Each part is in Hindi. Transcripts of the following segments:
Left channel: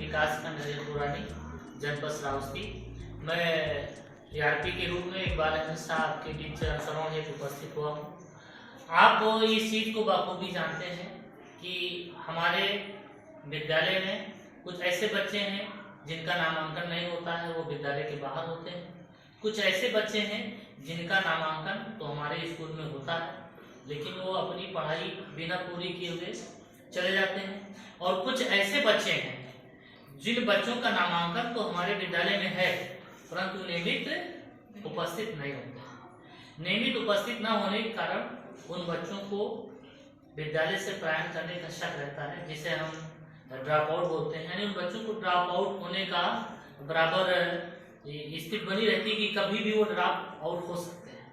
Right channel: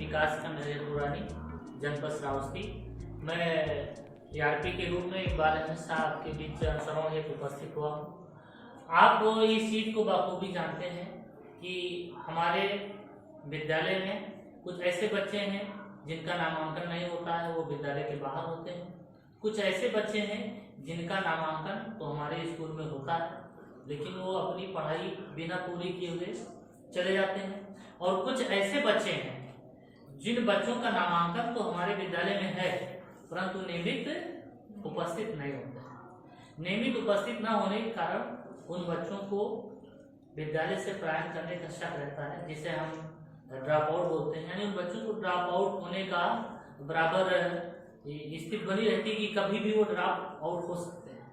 विकासखंड रेलपुरानी, जनपद श्रावस्ती। मैं ARP के रूप में इकबाल अहमद साहब आपके बीच अनुसरण हेतु उपस्थित हुआ हूँ। आप इस चीज़ को बखूबी जानते हैं कि हमारे विद्यालय में कुछ ऐसे बच्चे हैं जिनका नामांकन नहीं होता है, वो विद्यालय के बाहर होते हैं। कुछ ऐसे बच्चे हैं जिनका नामांकन तो हमारे स्कूल में होता है, लेकिन वो अपनी पढ़ाई बिना पूरी किए हुए चले जाते हैं। और कुछ ऐसे बच्चे हैं जिन बच्चों का नामांकन तो हमारे विद्यालय में है, परंतु नियमित उपस्थित नहीं होते। नियमित उपस्थित न होने के कारण उन बच्चों को विद्यालय से पलायन करने का शक रहता है, जिसे हम ड्रॉप आउट बोलते हैं। यानी उन बच्चों को ड्रॉप आउट होने का बराबर स्थिति बनी रहती है कि कभी भी वो ड्रॉप आउट हो सकते हैं।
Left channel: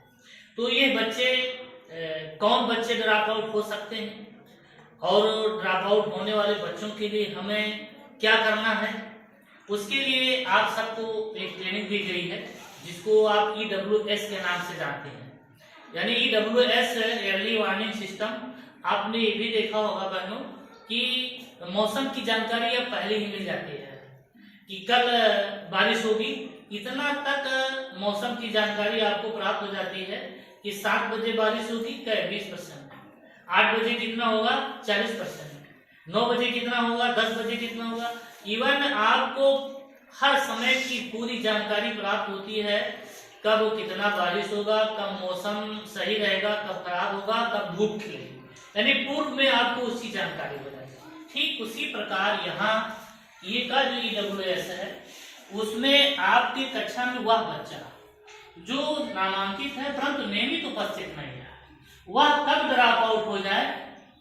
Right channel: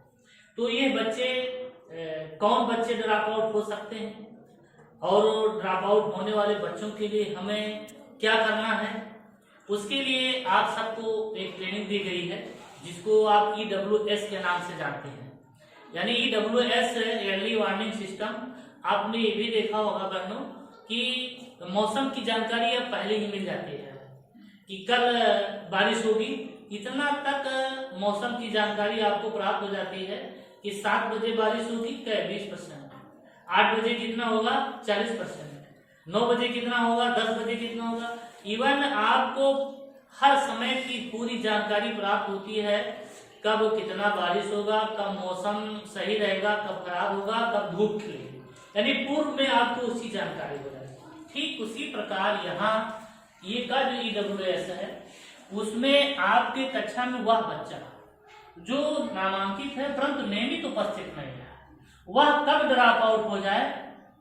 तो ये बच्चे कौन बच्चे ड्रॉप आउट हो सकते हैं और ड्रॉप आउट होने वाले बच्चों के लिए हमें क्या करना है, उसके लिए आप सबको एक ट्रेनिंग दी गई है जिसको आप EWS के नाम से जानते हैं। यानी EWS अर्ली वार्निंग सिस्टम। आपने ये भी देखा होगा बहनों कि मौसम की जानकारी अब पहले ही मिल जाती है कि कल बारिश होगी, इतना तक मौसम की जानकारी आपको प्राप्त हो जाती है कि 7 बजे बारिश होगी क्या 20%, 8 बजे कितना होगा 40%, 9 बजे कितना होगा, 10 बजे कितना होगा। इवन आपको हर समय की पूरी जानकारी प्राप्त होती है, कब कितना बारिश होगा, कब मौसम सही रहेगा, कब खराब होगा, कब धूप खिलेगी। यानी पूर्व में आपको उसकी जानकारी हो जाएगी। ठीक उसी प्रकार यहाँ ये का जो EWS है उसमें आपकी कक्षा में वह बच्चा जो नामांकित है परंतु नियमित उपस्थित नहीं है, वह कब ड्रॉप आउट हो जाए,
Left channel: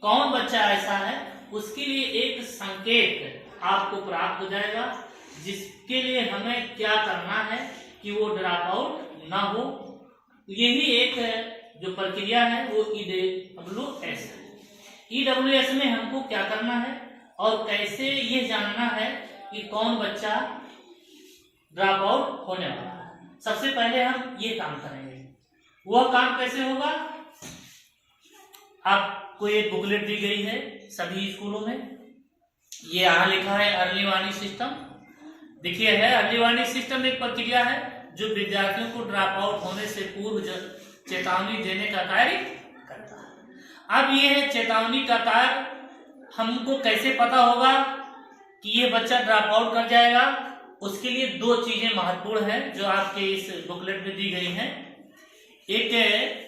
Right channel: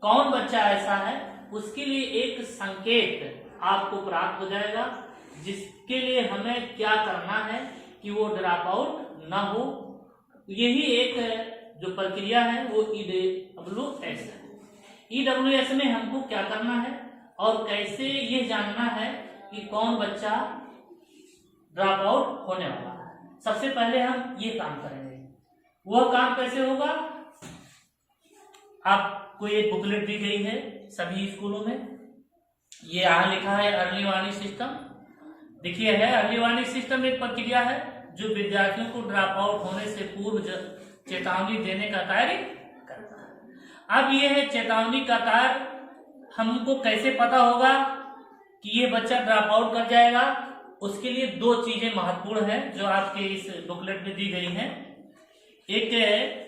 कौन बच्चा ऐसा है, उसके लिए एक संकेत आपको प्राप्त हो जाएगा, जिसके लिए हमें क्या करना है कि वो ड्रॉप आउट ना हो। यही एक जो प्रक्रिया है वो EWS है। EWS में हमको क्या करना है और कैसे ये जानना है कि कौन बच्चा ड्रॉप आउट होने वाला है। सबसे पहले हम ये काम करेंगे। वह काम कैसे होगा, आपको एक बुकलेट दी गई है सभी स्कूलों में। ये यहाँ लिखा है अर्ली वार्निंग सिस्टम। देखिए है अर्ली वार्निंग सिस्टम एक प्रक्रिया है जो विद्यार्थियों को ड्रॉप आउट होने से पूर्व चेतावनी देने का कार्य करता है। अब ये है चेतावनी का कार्य। हमको कैसे पता होगा कि ये बच्चा ड्रॉप आउट कर जाएगा, उसके लिए 2 चीजें महत्वपूर्ण हैं जो आपके इस बुकलेट में दी गई हैं। एक है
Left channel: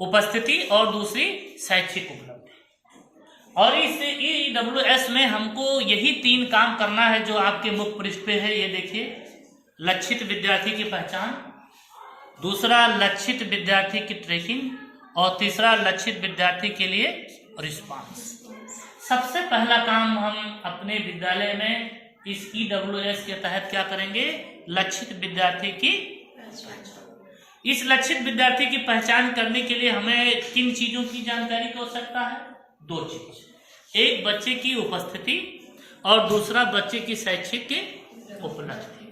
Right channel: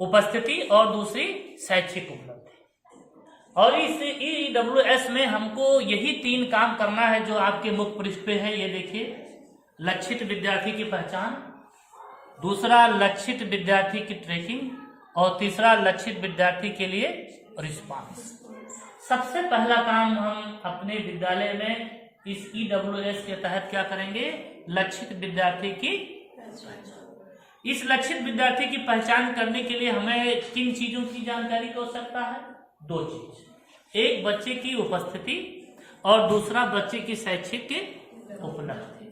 उपस्थिति और दूसरी शैक्षिक उपलब्धि। और इस EWS में हमको यही 3 काम करना है जो आपके मुख्य पृष्ठ पे है। ये देखिए, लक्षित विद्यार्थी की पहचान, दूसरा लक्षित विद्यार्थी की ट्रैकिंग और तीसरा लक्षित विद्यार्थी के लिए रिस्पांस। सबसे पहला काम हम अपने विद्यालय में इस EWS के तहत क्या करेंगे, लक्षित विद्यार्थी की पहचान। इस लक्षित विद्यार्थी की पहचान करने के लिए हमें किन चीजों की जानकारी की आवश्यकता है, 2 चीज, एक बच्चे की उपस्थिति और दूसरा बच्चे की शैक्षिक उपलब्धि।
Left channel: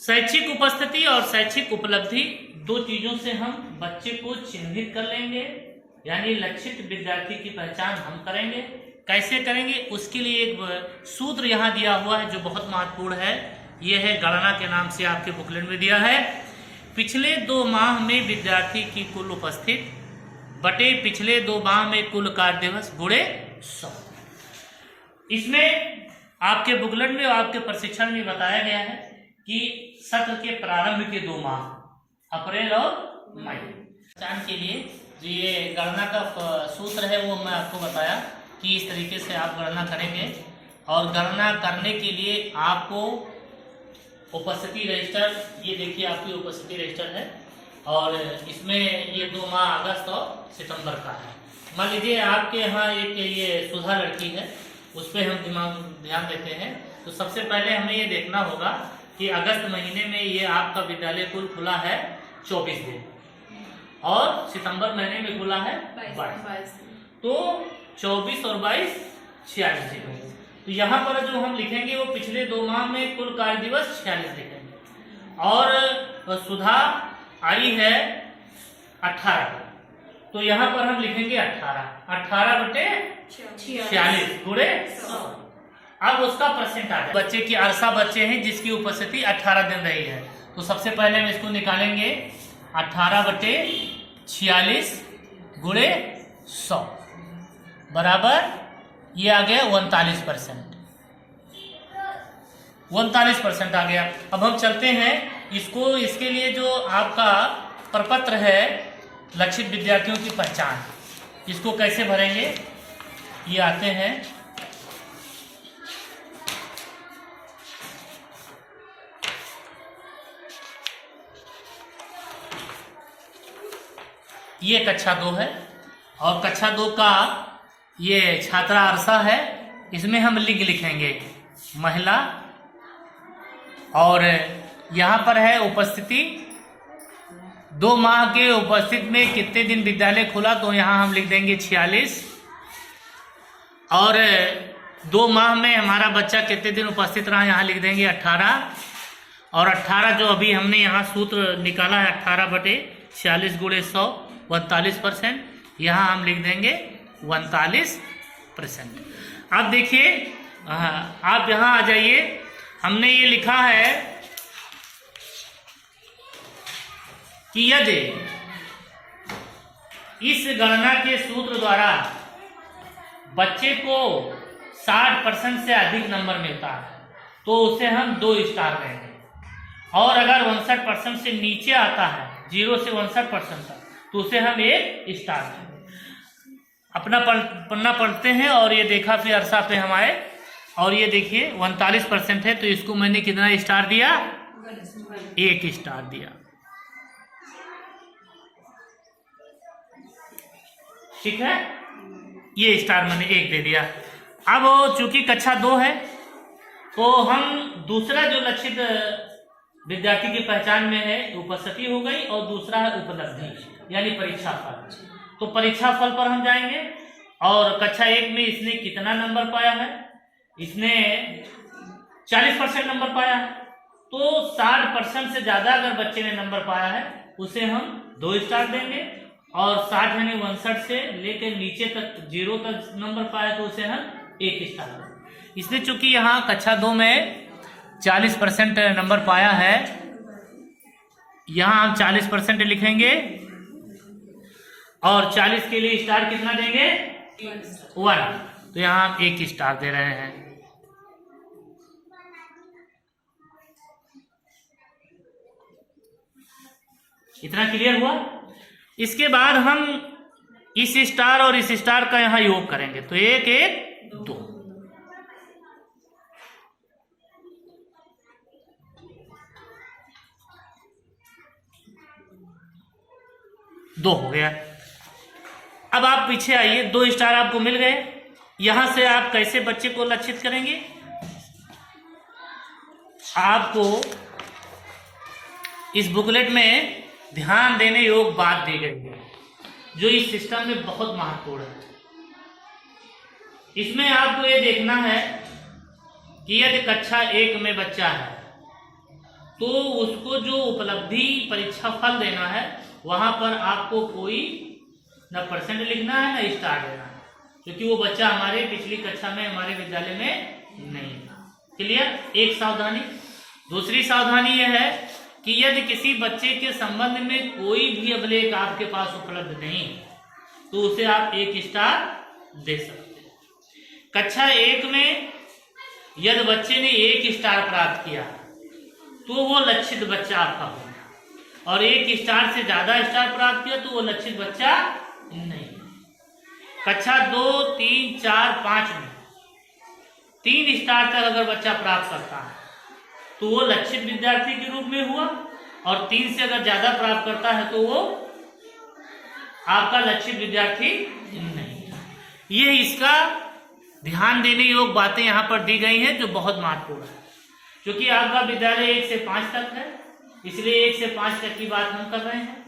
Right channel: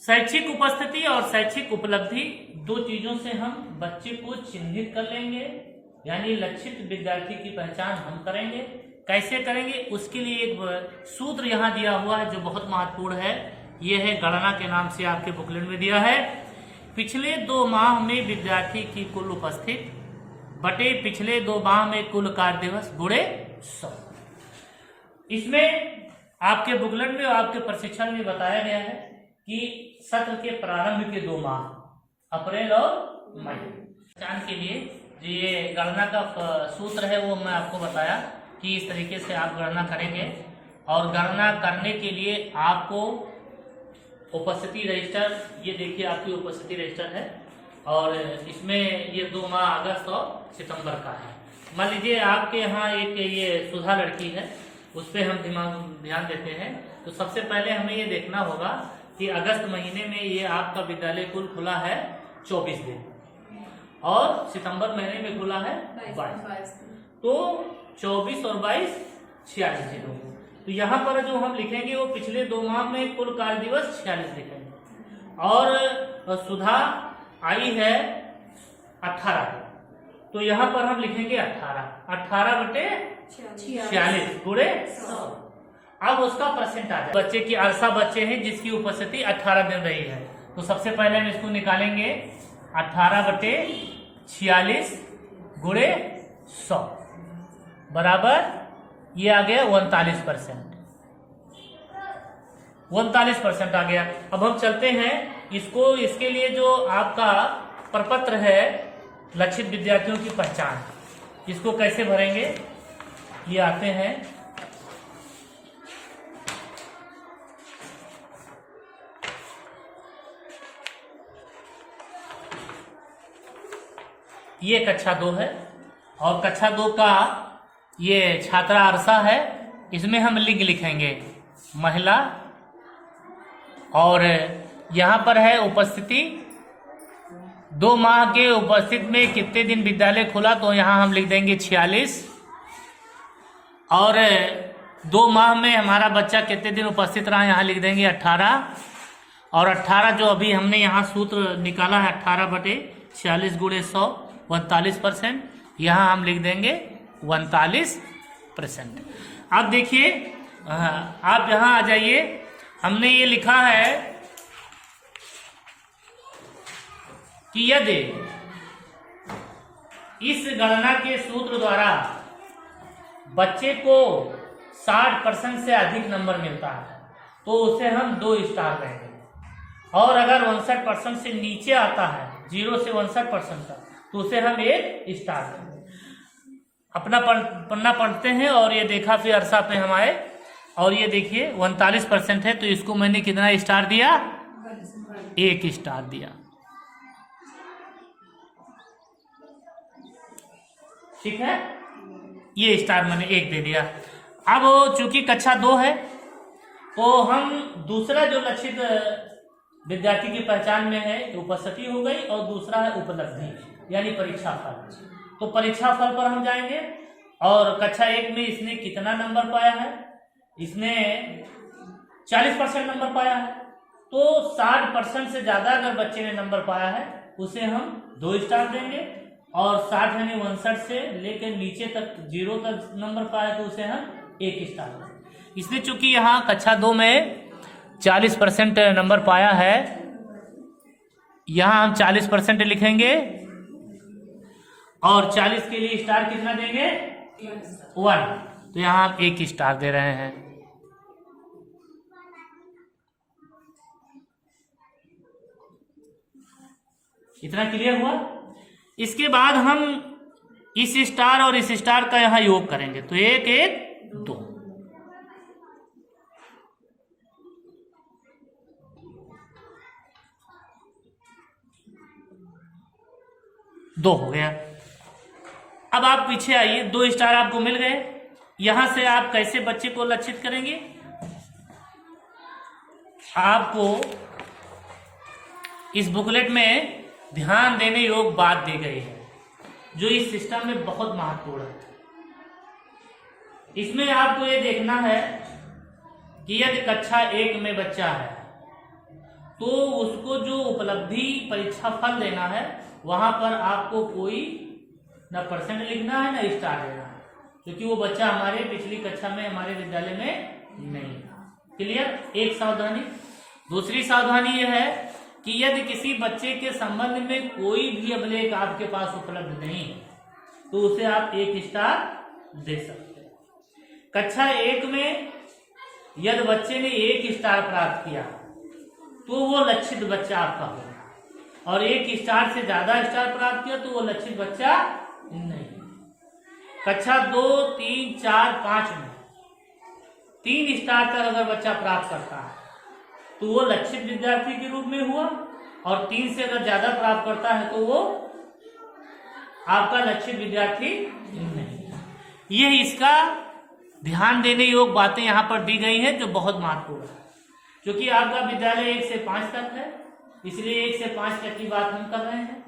शैक्षिक उपस्थिति और शैक्षिक उपलब्धि 2 चीजों से हम बच्चे को चिन्हित कर लेंगे, यानी लक्षित विद्यार्थी की पहचान हम करेंगे। कैसे करेंगे, उसके लिए एक सूत्र यहाँ दिया हुआ है जो बहुत महत्वपूर्ण है। यह है गणना के नाम से आपके बुकलेट में दिया है। पिछले 2 माह में विद्यार्थी की कुल उपस्थित बटे पिछले 2 माह में कुल कार्य दिवस गुणे 100। इसमें आपके बुकलेट में और आपके प्रशिक्षण में बताया गया है कि सत्र के प्रारंभ के 2 माह अप्रैल और मई पहचान के लिए जो ये गणना का सूत्र है वो मैं आपको बताया कि इस तरीके से आप गणना करेंगे। और गणना करने के लिए आपको उपस्थिति रजिस्टर, ये देखिए आपकी उपस्थिति रजिस्टर है और इसमें ये 2 माह अगस्त और सितंबर का है। मान लीजिए आपके यहाँ एक ये सुधा लड़की है, उस पर हम ध्यान देते हैं। तो सबसे पहले हमें ये देखना होगा कि अगस्त महीने में ये आपका विद्यालय कुल खुला है 24 दिन और सितंबर महीने में खुला है 22। तो 24 और 22 46 दिन। तो यहाँ पर जो हम लिखेंगे वो पिछले 2 माह में कुल कार्य दिवस 46 लिखेंगे। और सुधा आई है 18 को, तो यहाँ पर हम लिखेंगे 18 बटे 46 गुणे 100। अब उसका परसेंट आ जाए। बच्चे की अरसा बच्चे हैं जिसकी उपस्थिति 18 दिन रही है, तो सबसे पहले हम इसको निकालेंगे 18/46 गुणे 100 बराबर ये आ गया 39%। 39% आ गया। अब हम चलते हैं इसको, इसके लिए जो आपका प्रपत्र है लक्षित विद्यार्थियों की पहचान, इसको कैसे भरेंगे, ये आते हैं। ये कक्षा 2 है और कक्षा 2 का ये छात्रा अरसा है। इसमें हम लिंग लिखेंगे महिला, और यहाँ पर है उपस्थिति 2 माह के उपस्थित में कितने दिन विद्यालय खुला, तो यहाँ हम लिख देंगे 46। और 2 माह में हमारा बच्चा कितने दिन उपस्थित रहा, यहाँ लिख देंगे 18। और 18 जो अभी हमने यहाँ सूत्र निकाला है 18/46 गुणे 100 41%, यहाँ हम लिख देंगे 41%। अब देखिए आप यहाँ आ जाइए, हमने ये लिखा है कि यदि इस गणना के सूत्र द्वारा बच्चे को 60% से अधिक नंबर मिलता है तो उसे हम 2 स्टार देंगे, और अगर 59% से नीचे आता है 0 से 59% तक तो उसे हम 1 स्टार देंगे। अपना पन्ना पढ़ते हैं और ये देखा फिर अरसा पे हम आए और ये देखिए 39% है तो इसको मैंने कितना स्टार दिया, 1 स्टार दिया। ठीक है, ये स्टार मैंने 1 दे दिया। अब चूंकि कक्षा 2 है तो हम दूसरा जो लक्षित विद्यार्थी की पहचान में है उपस्थिति हो गई, और दूसरा है उपलब्धि यानी परीक्षा फल। तो परीक्षा फल पर हम जाएंगे, और कक्षा 1 में इसने कितना नंबर पाया है, इसने 40% नंबर पाया है। तो 60% से ज्यादा अगर बच्चे ने नंबर पाया है उसे हम 2 स्टार देंगे, और 60 यानी 59 से लेकर नीचे तक 0 तक नंबर पाया तो उसे हम 1 स्टार देंगे। इसने चूंकि यहाँ कक्षा 2 में 40% नंबर पाया है, यहाँ हम 40% लिखेंगे, और 40 के लिए स्टार कितना देंगे, 1। तो यहाँ हम 1 स्टार दे रहे हैं। इतना क्लियर हुआ। इसके बाद हम इस स्टार और इस स्टार का यहाँ योग करेंगे तो 1 1 2। दो हो गया। अब आप पीछे आइए, 2 स्टार आपको मिल गए। यहां से आप कैसे बच्चे को लक्षित करेंगे, आपको इस बुकलेट में ध्यान देने योग्य बात दी गई है जो इस सिस्टम में बहुत महत्वपूर्ण है। इसमें आपको ये देखना है कि यदि कक्षा 1 में बच्चा है तो उसको जो उपलब्धि परीक्षा फल देना है वहां पर आपको कोई न परसेंट लिखना है न स्टार देना है, क्योंकि वो बच्चा हमारे पिछली कक्षा में हमारे विद्यालय में नहीं था। क्लियर, एक सावधानी। दूसरी सावधानी यह है कि यदि किसी बच्चे के संबंध में कोई भी अभिलेख आपके पास उपलब्ध नहीं है तो उसे आप 1 स्टार दे सकते हैं। कक्षा 1 में यदि बच्चे ने 1 स्टार प्राप्त किया तो वो लक्षित बच्चा आपका होगा, और 1 स्टार से ज्यादा स्टार प्राप्त किया तो वो लक्षित बच्चा नहीं। कक्षा 2 3 4 5 में 3 स्टार तक अगर बच्चा प्राप्त करता है तो वो लक्षित विद्यार्थी के रूप में हुआ, और 3 से अगर ज्यादा प्राप्त करता है तो वो आपका लक्षित विद्यार्थी नहीं। ये इसका ध्यान देने योग्य बातें यहाँ पर दी गई है जो बहुत महत्वपूर्ण है, क्योंकि आपका विद्यालय 1 से 5 तक है, इसलिए 1 से 5 तक की बात हम कर रहे हैं।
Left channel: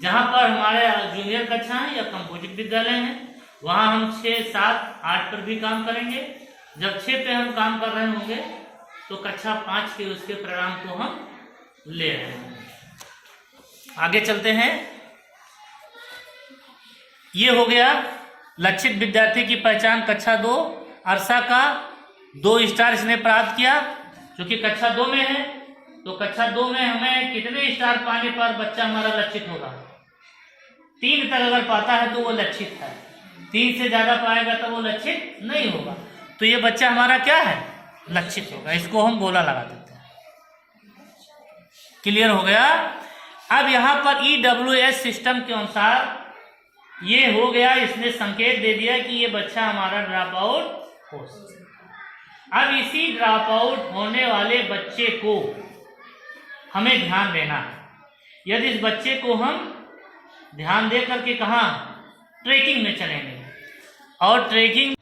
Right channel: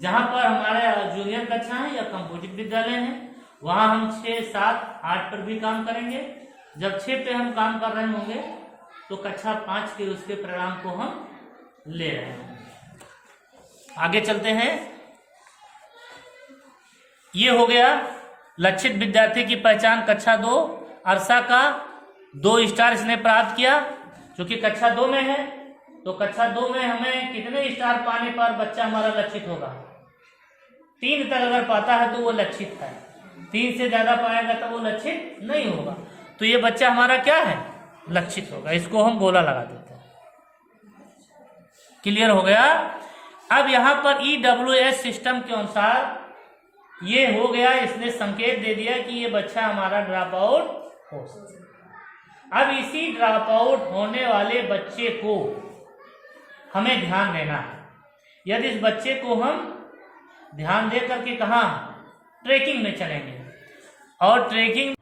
जहां पर हमारे जूनियर कक्षा है या कंपोजिट विद्यालय है वहां हम 6 7 8 पर भी काम करेंगे। जब 6 पे हम काम कर रहे होंगे तो कक्षा 5 के उसके परिणाम को हम ले रहे हैं। आगे चलते हैं। ये हो गया लक्षित विद्यार्थी की पहचान कक्षा 2 अरसा का 2 स्टार इसने प्राप्त किया, जो कि कक्षा 2 में है। तो कक्षा 2 में हमें कितने स्टार पाने पर बच्चा हमारा लक्षित होगा? 3 तक अगर पाता है तो वो लक्षित है, 3 से ज्यादा पाएगा तो वो लक्षित नहीं होगा। तो ये बच्चा हमारा क्या है? लक्षित होगा। इसको हम गोला लगा देते हैं। क्लियर हो गया? अब यहाँ पर EWS सिस्टम के अनुसार ये हो गया, इसने संकेत दे दिया कि ये बच्चा हमारा ड्रॉप आउट हो सकता है। अब इसी ड्रॉप आउट होने वाले बच्चे को हमें ध्यान देना है। यदि इस बच्चे को हम ध्यान दे करके कहाँ ट्रैकिंग में चलेंगे, और ट्रैकिंग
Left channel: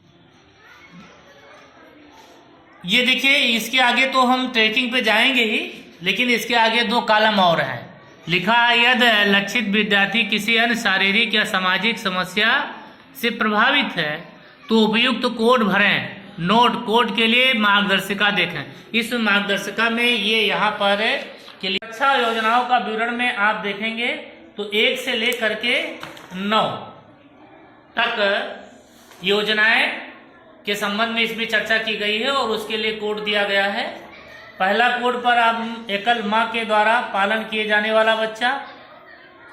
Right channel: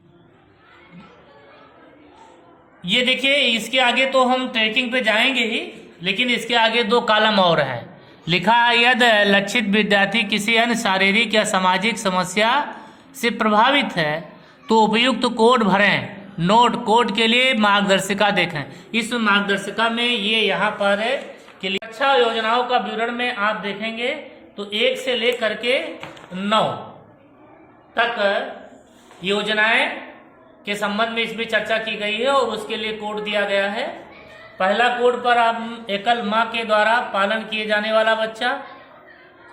ये देखिए, इसके आगे तो हम ट्रैकिंग पे जाएंगे ही, लेकिन इसके आगे 2 कॉलम और हैं। लिखा यदि लक्षित विद्यार्थी किसी अन्य शारीरिक या सामाजिक समस्या से प्रभावित है तो उपयुक्त कोड भरें। नोट: कोड के लिए मार्गदर्शिका देखें। इस मार्गदर्शिका में ये यहाँ पर है कि शिक्षा योजनाओं का विवरण में आप देखेंगे तो 1 से लेकर के 9 तक योजनाएं के संबंध में इसमें चर्चा की गई है और उसके लिए कोड दिया गया है। पहला कोड पर आप एकल मां के द्वारा पालन किए जाने वाला बच्चा।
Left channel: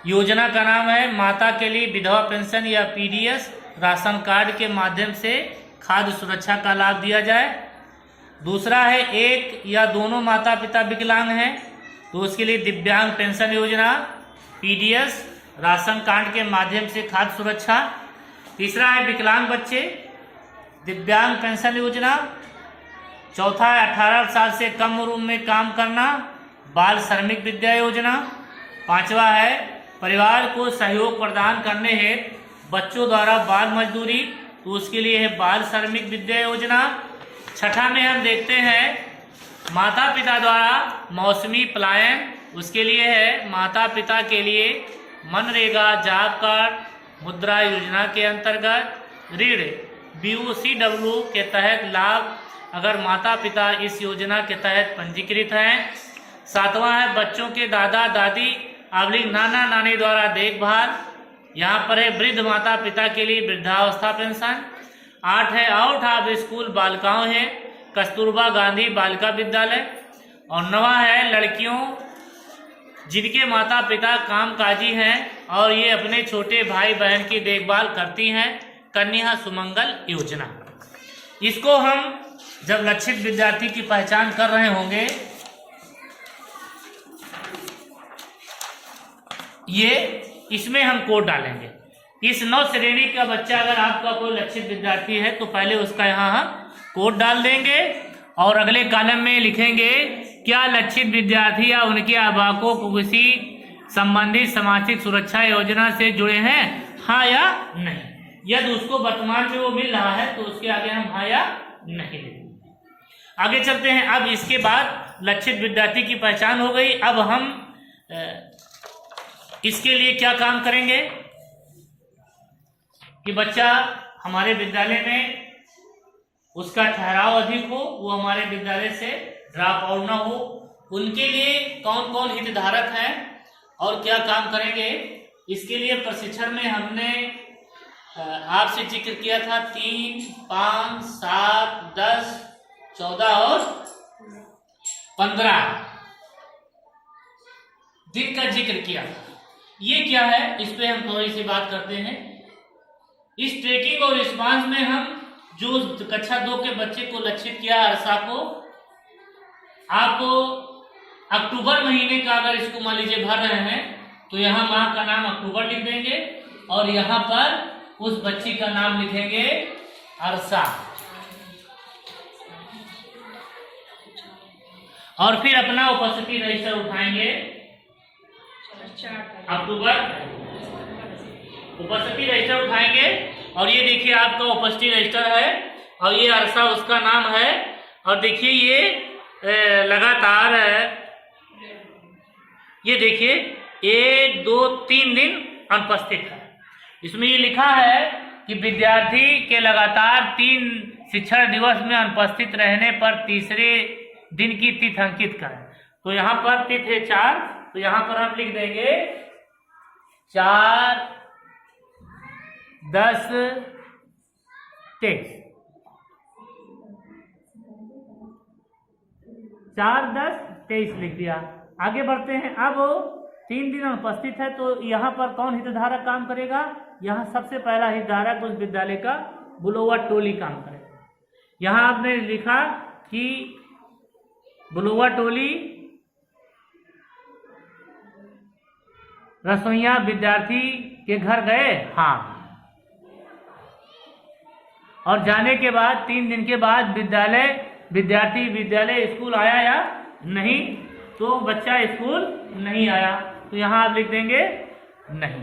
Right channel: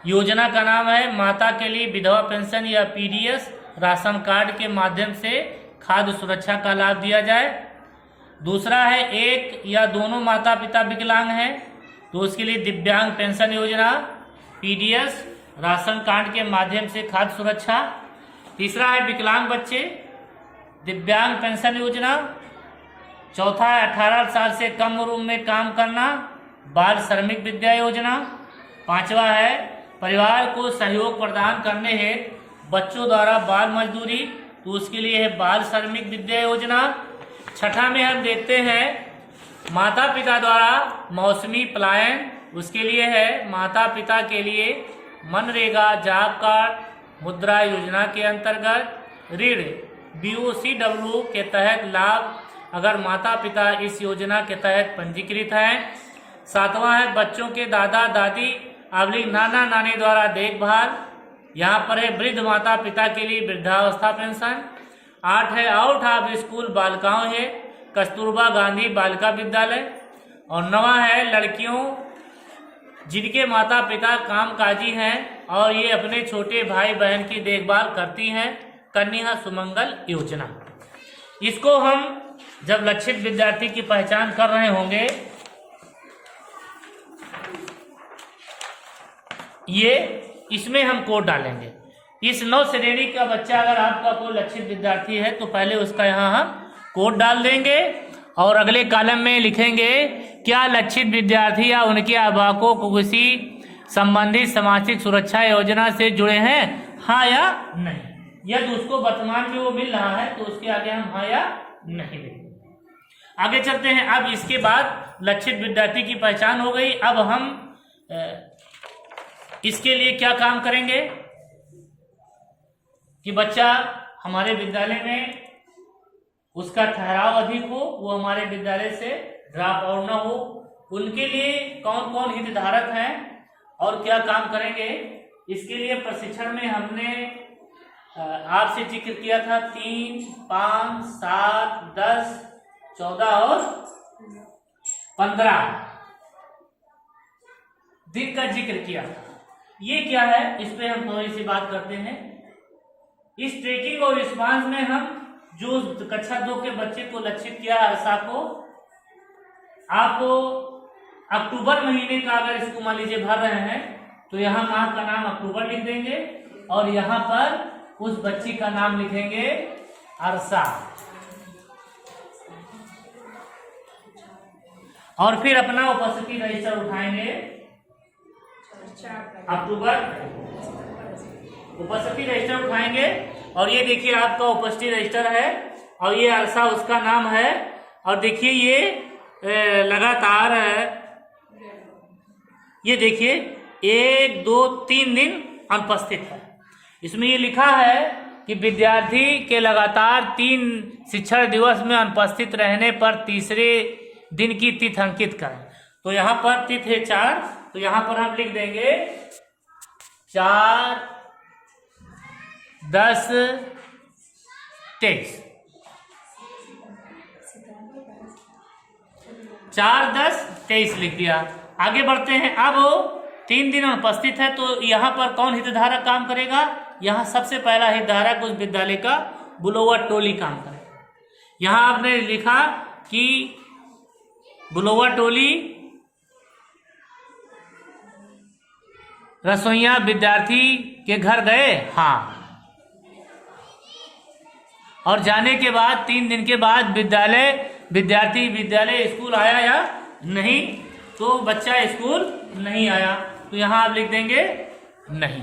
योजना का नाम है माता के लिए विधवा पेंशन या PDS राशन कार्ड के माध्यम से खाद्य सुरक्षा का लाभ दिया जाए। दूसरा है एक या दोनों माता पिता विकलांग हैं तो उसके लिए दिव्यांग पेंशन योजना, PDS राशन कार्ड के माध्यम से खाद्य सुरक्षा। तीसरा है विकलांग बच्चे, दिव्यांग पेंशन योजना। चौथा है 18 साल से कम उम्र में काम करना, बाल श्रमिक विद्या योजना। पांचवा है परिवार को सहयोग प्रदान करने हेतु बच्चों द्वारा बाल मजदूरी, तो उसके लिए है बाल श्रमिक विद्या योजना। छठा में हम देखते हैं माता पिता द्वारा मौसमी पलायन, उसके लिए है माता पिता के लिए मनरेगा जॉब कार्ड मुद्रा योजना के अंतर्गत ऋण BOCW के तहत लाभ अगर माता पिता इस योजना के तहत पंजीकृत हैं। सातवां है बच्चों के दादा दादी अवली नाना नानी द्वारा देखभाल, यहाँ पर है वृद्ध माता पिता के लिए वृद्धावस्था पेंशन। 8 है आउट ऑफ स्कूल बालिकाओं है कस्तूरबा गांधी बालिका विद्यालय। और 9वां है लड़कियों जिनके माता पिता कामकाजी हैं और ये अपने छोटे भाई बहन की देखभाल करती हैं, कन्या सुमंगल योजना। इसको हम जब लक्षित विद्यार्थी की पहचान कर रहे होंगे, ये इसमें हम कोड डालेंगे। इस 9 श्रेणी का बच्चा अगर आपका कोई लक्षित विद्यार्थी है तो पहले उसका यहाँ हम कोड डाल देंगे और अगले कॉलम में लिखेंगे क्या लक्षित विद्यार्थी या उनके अभिभावकों को किसी संबंधित सामाजिक सुरक्षा योजना से जुड़े हैं, हाँ या नहीं। यदि उसको वर्तमान में वो मिल रहा है तो उसके आगे हम हाँ या नहीं लिखेंगे। आगे चलते हैं। अब इसके बाद लक्षित विद्यार्थी की पहचान हो गई। अब हम इसके लिए क्या काम करेंगे कि बच्चा हमारे विद्यालय में उसका ठहराव अधिक हो, वो हमारे विद्यालय से ड्रॉप आउट ना हो। उनके लिए कौन कौन हितधारक हैं और क्या काम करेंगे, इसके लिए प्रशिक्षण में हमने आपसे जिक्र किया था 3, 5, 7, 10, 14 और 15 दिन का जिक्र किया था। ये क्या है, इस पे हम थोड़ी सी बात करते हैं। इस ट्रैकिंग और रिस्पांस में हम जो कक्षा 2 के बच्चे को लक्षित किया अरसा को, आप अक्टूबर महीने का अगर इसको मान लीजिए भर रहे हैं तो यहाँ माह का नाम अक्टूबर लिख देंगे और यहाँ पर उस बच्ची का नाम लिखेंगे अरसा। और फिर अपना उपस्थिति रजिस्टर उठाएंगे। अक्टूबर उपस्थिति रजिस्टर उठाएंगे और ये देखिए आपका उपस्थिति रजिस्टर है और ये अरसा उसका नाम है। और देखिए ये लगातार ये देखिए 1, 2, 3 दिन अनुपस्थित है। इसमें ये लिखा है कि विद्यार्थी के लगातार 3 शिक्षण दिवस में अनुपस्थित रहने पर तीसरे दिन की तिथि अंकित करें। तो यहाँ पर तिथि है 4, तो यहाँ पर हम लिख देंगे 4/10/2021 23, 4-10-23 लिख दिया। आगे बढ़ते हैं। अब 3 दिन अनुपस्थित है तो यहाँ पर कौन हितधारक काम करेगा? यहाँ सबसे पहला हितधारक उस विद्यालय का बुलावा टोली काम करेगा। यहाँ आपने लिखा कि बुलावा टोली रसोइया विद्यार्थी के घर गए, हाँ, और जाने के बाद 3 दिन के बाद विद्यार्थी विद्यालय स्कूल आया या नहीं, तो बच्चा स्कूल नहीं आया, तो यहां आप लिख देंगे नहीं।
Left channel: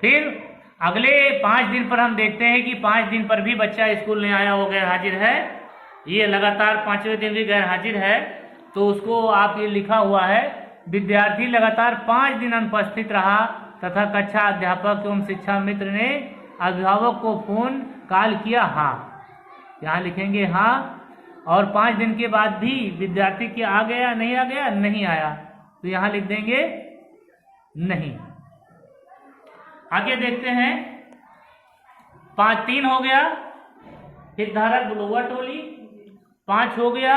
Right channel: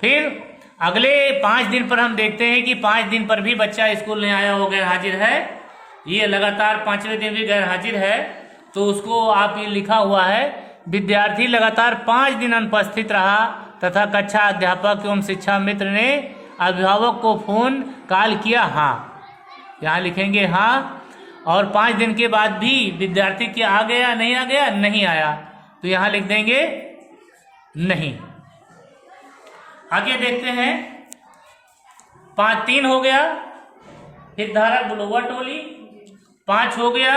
फिर अगले 5 दिन पर हम देखते हैं कि 5 दिन पर भी बच्चा स्कूल नहीं आया, वो गैर हाजिर है। ये लगातार 5वें दिन भी गैर हाजिर है, तो उसको आप ये लिखा हुआ है, विद्यार्थी लगातार 5 दिन अनुपस्थित रहा तथा कक्षा अध्यापक एवं शिक्षा मित्र ने अभिभावक को फोन कॉल किया, हाँ, यहाँ लिखेंगे हाँ। और 5 दिन के बाद भी विद्यार्थी क्या आ गया नहीं आ गया? नहीं आया, तो यहाँ लिख देंगे नहीं। आगे देखते हैं। 5-3 हो गया, हितधारक बुलावा टोली। 5 हो गया,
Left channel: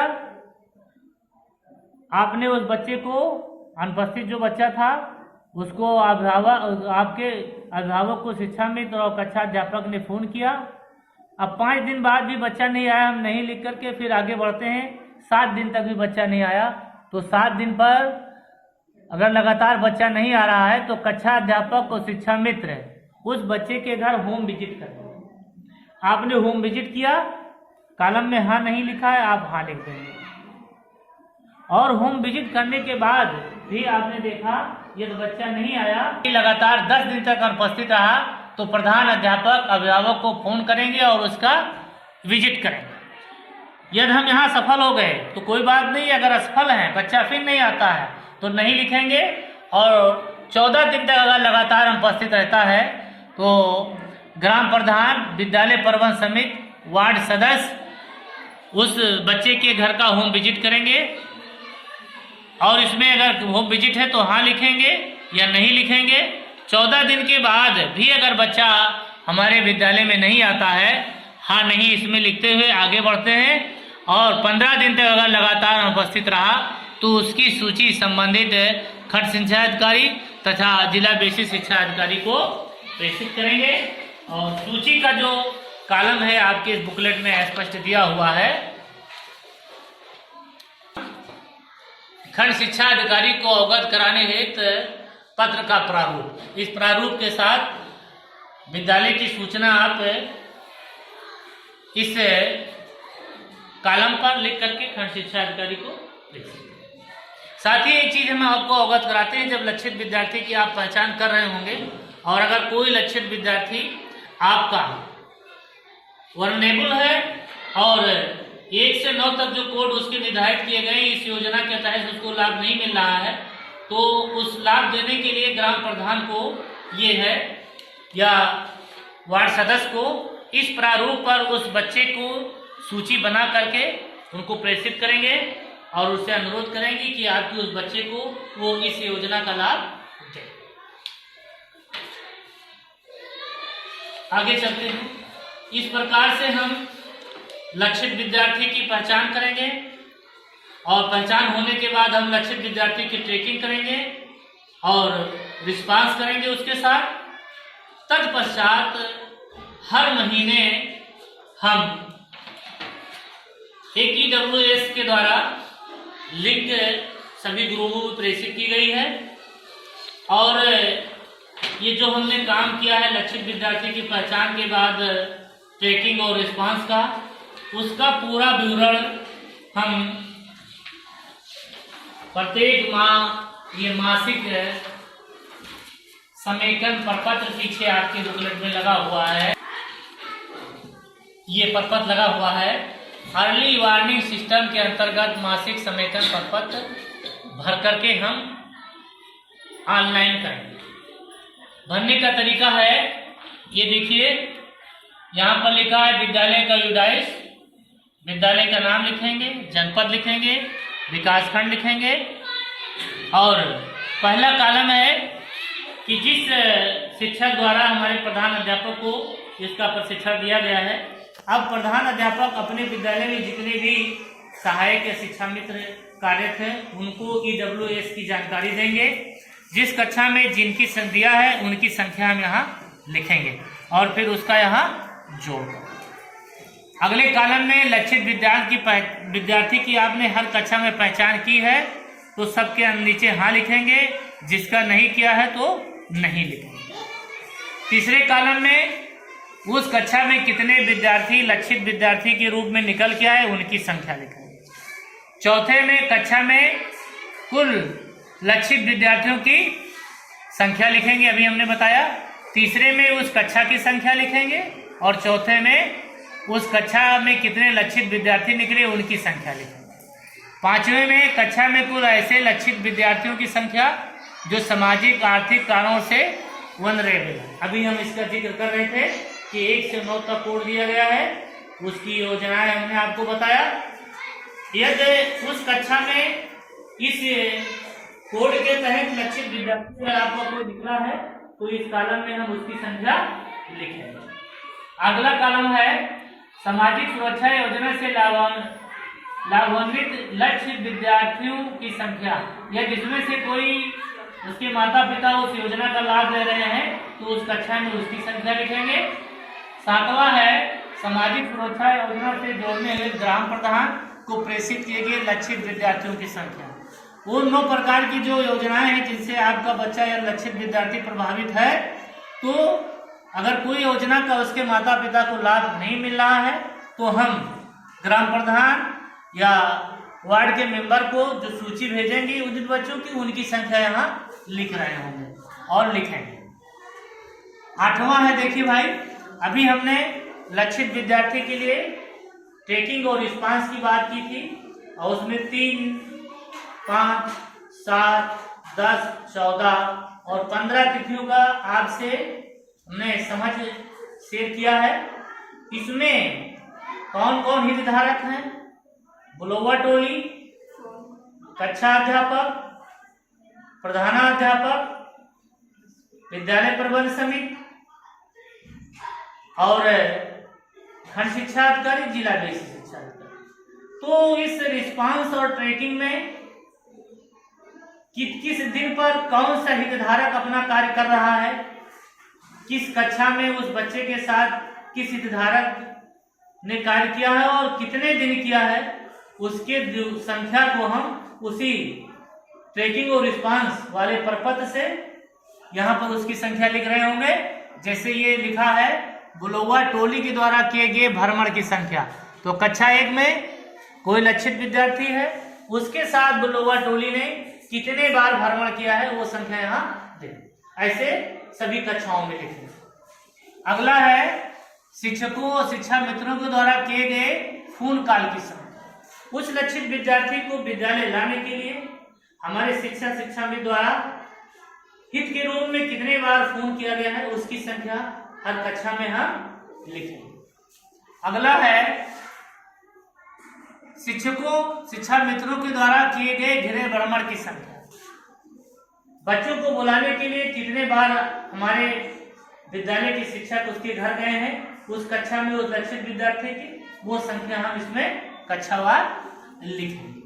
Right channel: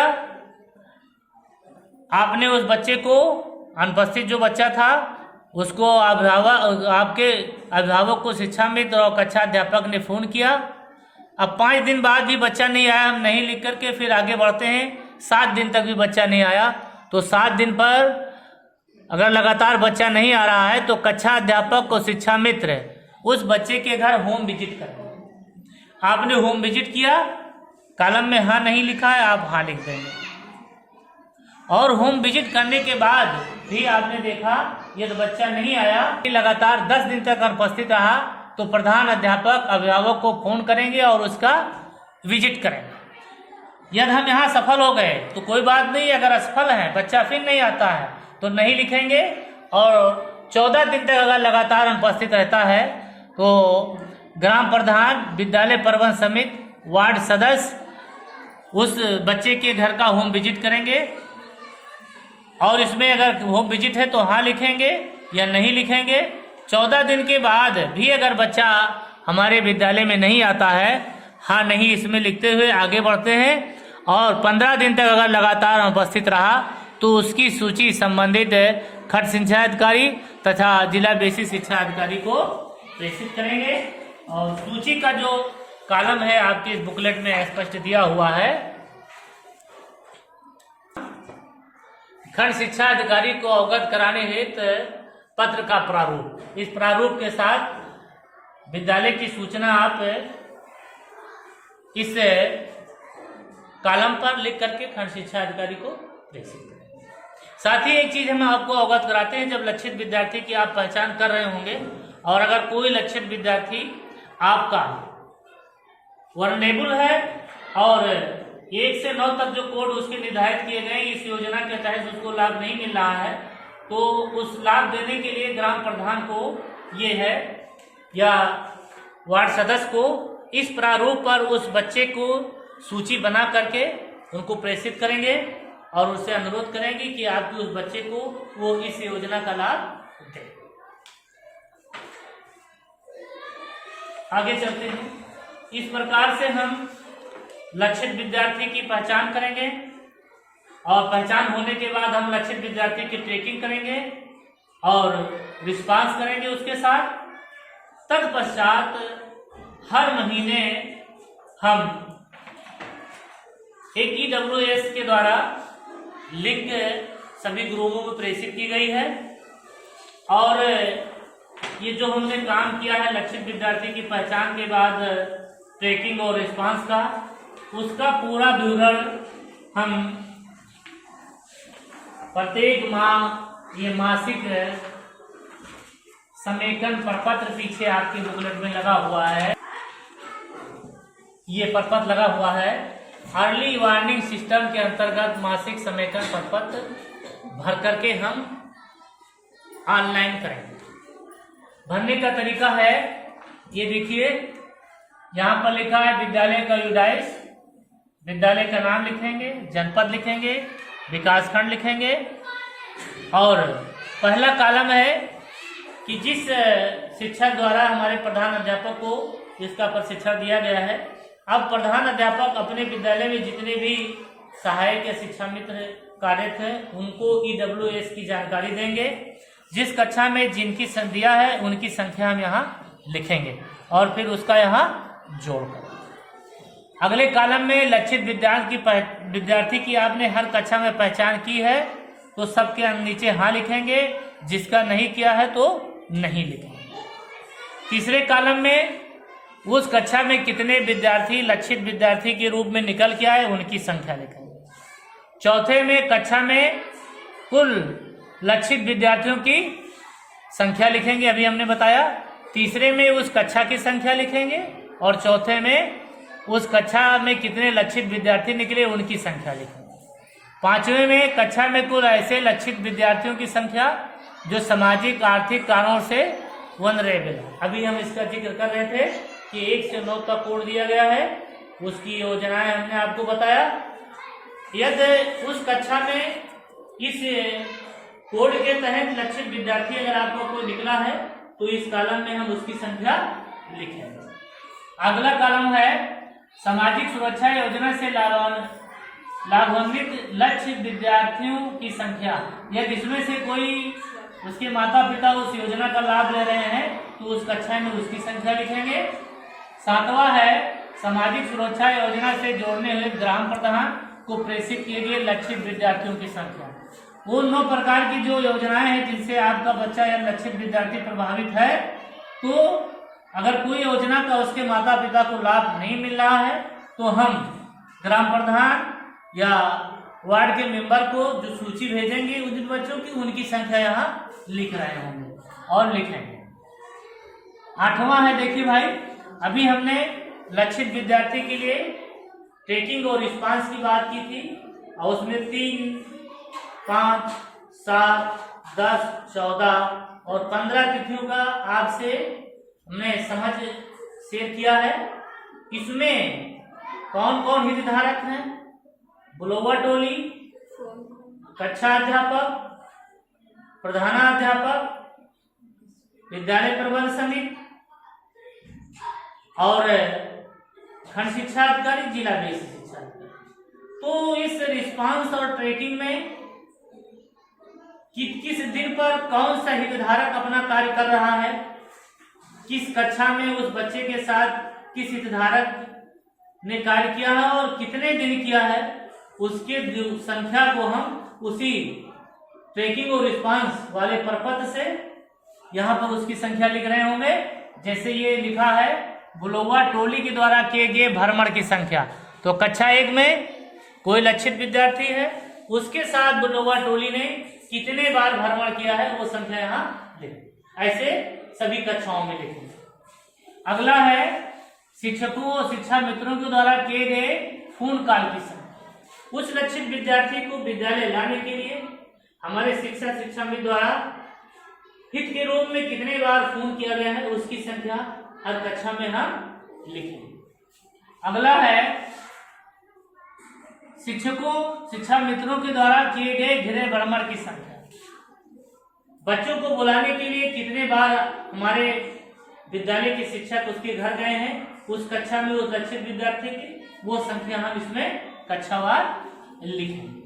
आपने उस बच्चे को, अनुपस्थित जो बच्चा था उसको आपके अभिभावक को शिक्षा मित्र और कक्षा अध्यापक ने फोन किया। अब 5 दिन बाद भी बच्चा नहीं आया, हम नहीं लिख करके फिर आगे बढ़ते हैं। 7 दिन तक भी बच्चा नहीं आया, तो 7 दिन पर अगर लगातार बच्चा नहीं आ रहा है तो कक्षा अध्यापक और शिक्षा मित्र उस बच्चे के घर होम विजिट करें। आपने होम विजिट किया, कॉलम में हाँ नहीं लिखा है, आप हाँ लिख देंगे। और होम विजिट करने के बाद भी आपने देखा यदि बच्चा नहीं आया, लगातार 10 दिन तक अनुपस्थित रहा, तो प्रधान अध्यापक अभिभावक को फोन करेंगे और उसका विजिट करेंगे। यदि हम यहाँ सफल हो गए तो कोई बात नहीं, अगर असफल है, बच्चा फिर नहीं आता है, तो नहीं लिखेंगे। और 14 दिन तक अगर लगातार अनुपस्थित रहता है तो ग्राम प्रधान, विद्यालय प्रबंधन समिति, वार्ड सदस्य उस बच्चे के घर का होम विजिट करेंगे। और इसमें अगर होम विजिट है तो हाँ लिखेंगे या नहीं लिखेंगे। 14 दिन के बाद भी अगर बच्चा हमारे विद्यालय में नहीं आता है, हाँ नहीं इसमें लिखते हुए आगे बढ़ते हैं। और 15 दिन तक अगर लगातार अनुपस्थित रहा तो उसकी सूची संबंधित खंड शिक्षा अधिकारी तथा जिला बेसिक शिक्षा अधिकारी को प्रेषित करेंगे। और सूची का जो कॉलम है आपके इस बुकलेट में स्पष्ट दिया हुआ है। खंड शिक्षा अधिकारी को अवगत कराने हेतु पत्र का प्रारूप, इस प्रारूप के साथ विद्यालय की सूचना आप इस कॉलम पर लिख करके खंड शिक्षा अधिकारी को प्रेषित करें। साथ ही एक चीज हम आपको अवगत कराते हैं, जब लक्षित विद्यार्थी की आप पहचान कर रहे होंगे और अगर कोई लक्षित विद्यार्थी आपका वल्नरेबल है और 1 से 9 तक जो कोड उसके निर्धारित किए गए इस योजना के तहत उसको लाभ नहीं मिल रहा है, तो उस लाभ देने के लिए ग्राम प्रधान को ये है या वार्ड सदस्य को इस प्रारूप पर उस बच्चे को सूची बना करके उनको प्रेषित करेंगे और उससे अनुरोध करेंगे कि आपके उस बच्चे को वो इस योजना का लाभ दे। आगे चलते हैं। इस प्रकार से हम लक्षित विद्यार्थी की पहचान करेंगे और पहचान होने के बाद हम लक्षित विद्यार्थी की ट्रैकिंग करेंगे और रिस्पांस करेंगे उसके साथ। तत्पश्चात हर महीने हम एक EWS के द्वारा लिंक सभी ग्रुपों को प्रेषित की गई है और ये जो हमने काम किया है लक्षित विद्यार्थी की पहचान के बाद ट्रैकिंग और रिस्पांस का, उसका पूरा विवरण हम प्रत्येक माह ये मासिक समेकन प्रपत्र पीछे आपके बुकलेट में लगा हुआ है, ये प्रपत्र लगा हुआ है। अर्ली वार्निंग सिस्टम के अंतर्गत मासिक समेकन प्रपत्र भर करके हम ऑनलाइन करेंगे। भरने का तरीका है, ये देखिए यहाँ पर लिखा है विद्यालय का यूडाइस, विद्यालय का नाम लिखेंगे, जनपद लिखेंगे, विकासखंड लिखेंगे और पहला कॉलम है कि जिस शिक्षक द्वारा हमारे प्रधान अध्यापक को इसका प्रशिक्षण दिया गया है। अब प्रधान अध्यापक अपने विद्यालय में जितने भी सहायक या शिक्षा मित्र कार्यरत हैं उनको EWS की जानकारी देंगे। जिस कक्षा में जिनकी दिया है उनकी संख्या हम यहाँ लिखेंगे और फिर उसका यहाँ जोड़ कर अगले कॉलम में लक्षित विद्यार्थी की आपने हर कक्षा में पहचान की है तो सबके नीचे हाँ लिखेंगे, जिसका नहीं किया है तो नहीं लिखेंगे। तीसरे कॉलम में उस कक्षा में कितने विद्यार्थी लक्षित विद्यार्थी के रूप में निकल के आए उनकी संख्या लिखेंगे। चौथे में कक्षा में कुल लक्षित विद्यार्थियों की संख्या लिखेंगे, अभी हमने बताया। तीसरे में उस कक्षा की संख्या लिखेंगे और चौथे में उस कक्षा में कितने लक्षित विद्यार्थी निकले उनकी संख्या लिखेंगे। पांचवें में कक्षा में कुल ऐसे लक्षित विद्यार्थियों की संख्या जो सामाजिक आर्थिक कारणों से वनरेबल, अभी हम इसका जिक्र कर रहे थे कि 1 से 9 तक कोड दिया गया है, उसकी योजनाएं हमने आपको बताया। यदि उस कक्षा में इस कोड के तहत लक्षित विद्यार्थी अगर आपका कोई निकला है तो इस कॉलम में हम उसकी संख्या लिखेंगे। अगला कॉलम है सामाजिक सुरक्षा योजना से लाभान्वित लक्षित विद्यार्थियों की संख्या, या जिसमें से कोई उसके माता पिता उस योजना का लाभ ले रहे हैं तो उस कक्षा में उसकी संख्या लिखेंगे। सातवां है सामाजिक सुरक्षा योजना से जोड़ने हुए ग्राम प्रधान को प्रेषित किए गए लक्षित विद्यार्थियों की संख्या। उन 9 प्रकार की जो योजनाएं हैं जिनसे आपका बच्चा या लक्षित विद्यार्थी प्रभावित है, तो अगर कोई योजना का उसके माता पिता को लाभ नहीं मिल रहा है तो हम ग्राम प्रधान या वार्ड के मेंबर को जो सूची भेजेंगे उन बच्चों की उनकी संख्या यहाँ लिख रहे होंगे और लिखेंगे। 8वां है, देखिए भाई, अभी हमने लक्षित विद्यार्थी के लिए ट्रैकिंग और रिस्पांस की बात की थी और उसमें 3, 5, 7, 10, 14 और 15 तिथियों का आपसे हमने समझ शेयर किया है। इसमें कौन कौन हितधारक हैं? बुलावा टोली, कक्षा अध्यापक, प्रधानाध्यापक, विद्यालय प्रबंध समिति और खंड शिक्षा अधिकारी, जिला बेसिक शिक्षा अधिकारी। तो इस रिस्पांस और ट्रैकिंग में किस दिन पर कौन सा हितधारक अपना कार्य कर रहा है, किस कक्षा में उस बच्चे के साथ किस हितधारक ने कार्य किया है और कितने दिन किया है, उसके संख्या को हम उसी ट्रैकिंग और रिस्पांस वाले प्रपत्र से यहाँ पर उसकी संख्या लिख रहे होंगे। जैसे ये लिखा है बुलावा टोली के द्वारा किए गए भ्रमण की संख्या, तो कक्षा 1 में कोई लक्षित विद्यार्थी है, उसके साथ बुलावा टोली ने कितने बार भ्रमण किया है वो संख्या यहाँ लिखें। ऐसे सभी कक्षाओं में लिखें। अगला है शिक्षकों और शिक्षा मित्रों के द्वारा किए गए फोन कॉल की संख्या। उस लक्षित विद्यार्थी को विद्यालय लाने के लिए हमारे शिक्षा मित्र द्वारा हित के रूप में कितने बार फोन किया गया है उसकी संख्या हर कक्षा में हम लिखेंगे। अगला है शिक्षकों शिक्षा मित्रों के द्वारा किए गए गृह भ्रमण की संख्या। बच्चों को बुलाने के लिए कितने बार हमारे विद्यालय के शिक्षक उसके घर गए हैं, उस कक्षा में उस लक्षित विद्यार्थी की वो संख्या हम इसमें कक्षावार लिखेंगे।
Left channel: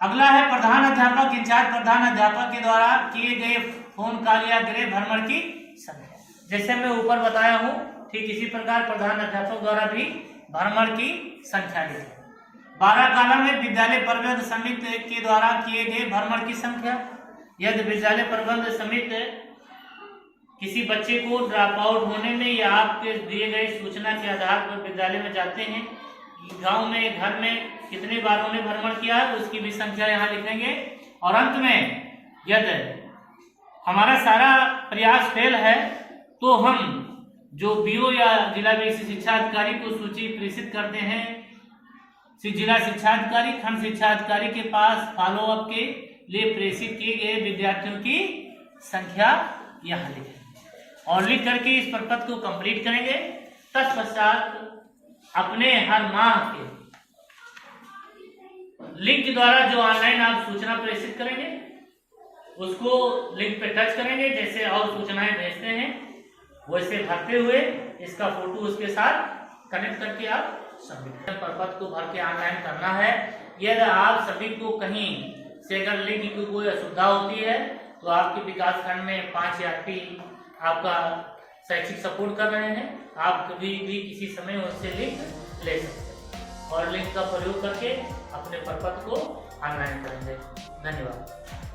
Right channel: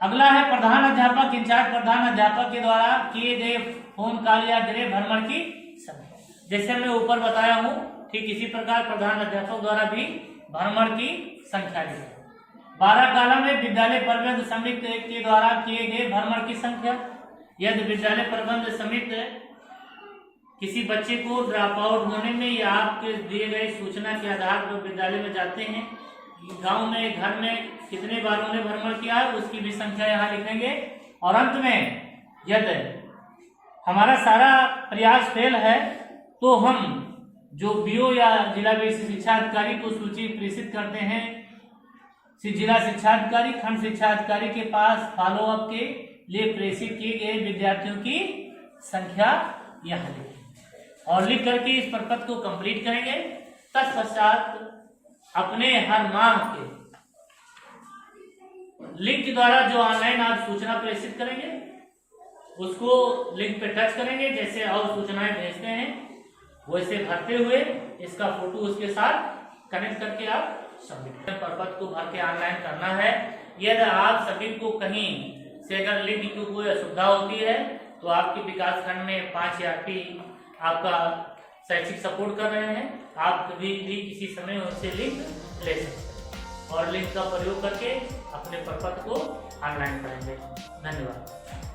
अगला है प्रधान अध्यापक इंचार्ज प्रधान अध्यापक के द्वारा किए गए फोन कॉल या गृह भ्रमण की संख्या। जैसे मैं ऊपर बताया हूँ ठीक इसी प्रकार प्रधान अध्यापक द्वारा भी भ्रमण की संख्या लिखें। 12 कॉलम में विद्यालय प्रबंध समिति के द्वारा किए गए भ्रमण की संख्या। यदि विद्यालय प्रबंध समिति किसी बच्चे को ड्रॉप आउट होने में या आपके दिए गए सूचना के आधार पर विद्यालय में जाते हैं, गांव में घर में कितने बार उन्हें भ्रमण किया है उसकी भी संख्या यहाँ लिखेंगे। और अंत में यदि हमारा सारा प्रयास फेल है तो हम जो बीओ या जिला बेसिक शिक्षा अधिकारी को सूची प्रेषित करते हैं जिला शिक्षा अधिकारी खंड शिक्षा अधिकारी के पास फॉलो अप के लिए प्रेषित किए गए विद्यार्थियों की संख्या यहाँ लिखें और लिख करके इस प्रपत्र को कंप्लीट करेंगे। तत्पश्चात अपने हर माह के लिंक द्वारा जो ऑनलाइन आप सूचना प्रेषित करेंगे उसको लिंक पे टच करेंगे जैसे और सूचनाएं भेजते हैं वो इसे भरते हुए इसका फोटो उसके साथ कनेक्ट करके आप सबमिट प्रपत्र को भर के ऑनलाइन करना है। यदि आप सभी को कहीं से अगर लिंक की कोई असुविधा होती है तो आपके विकास खंड में 5 ERP आपका शैक्षिक सपोर्ट कर रहे हैं। आप कभी भी किसी समय उससे लिंक ले सकते हैं और लिंक का प्रयोग करके अपने प्रपत्र को ऑनलाइन करेंगे। धन्यवाद।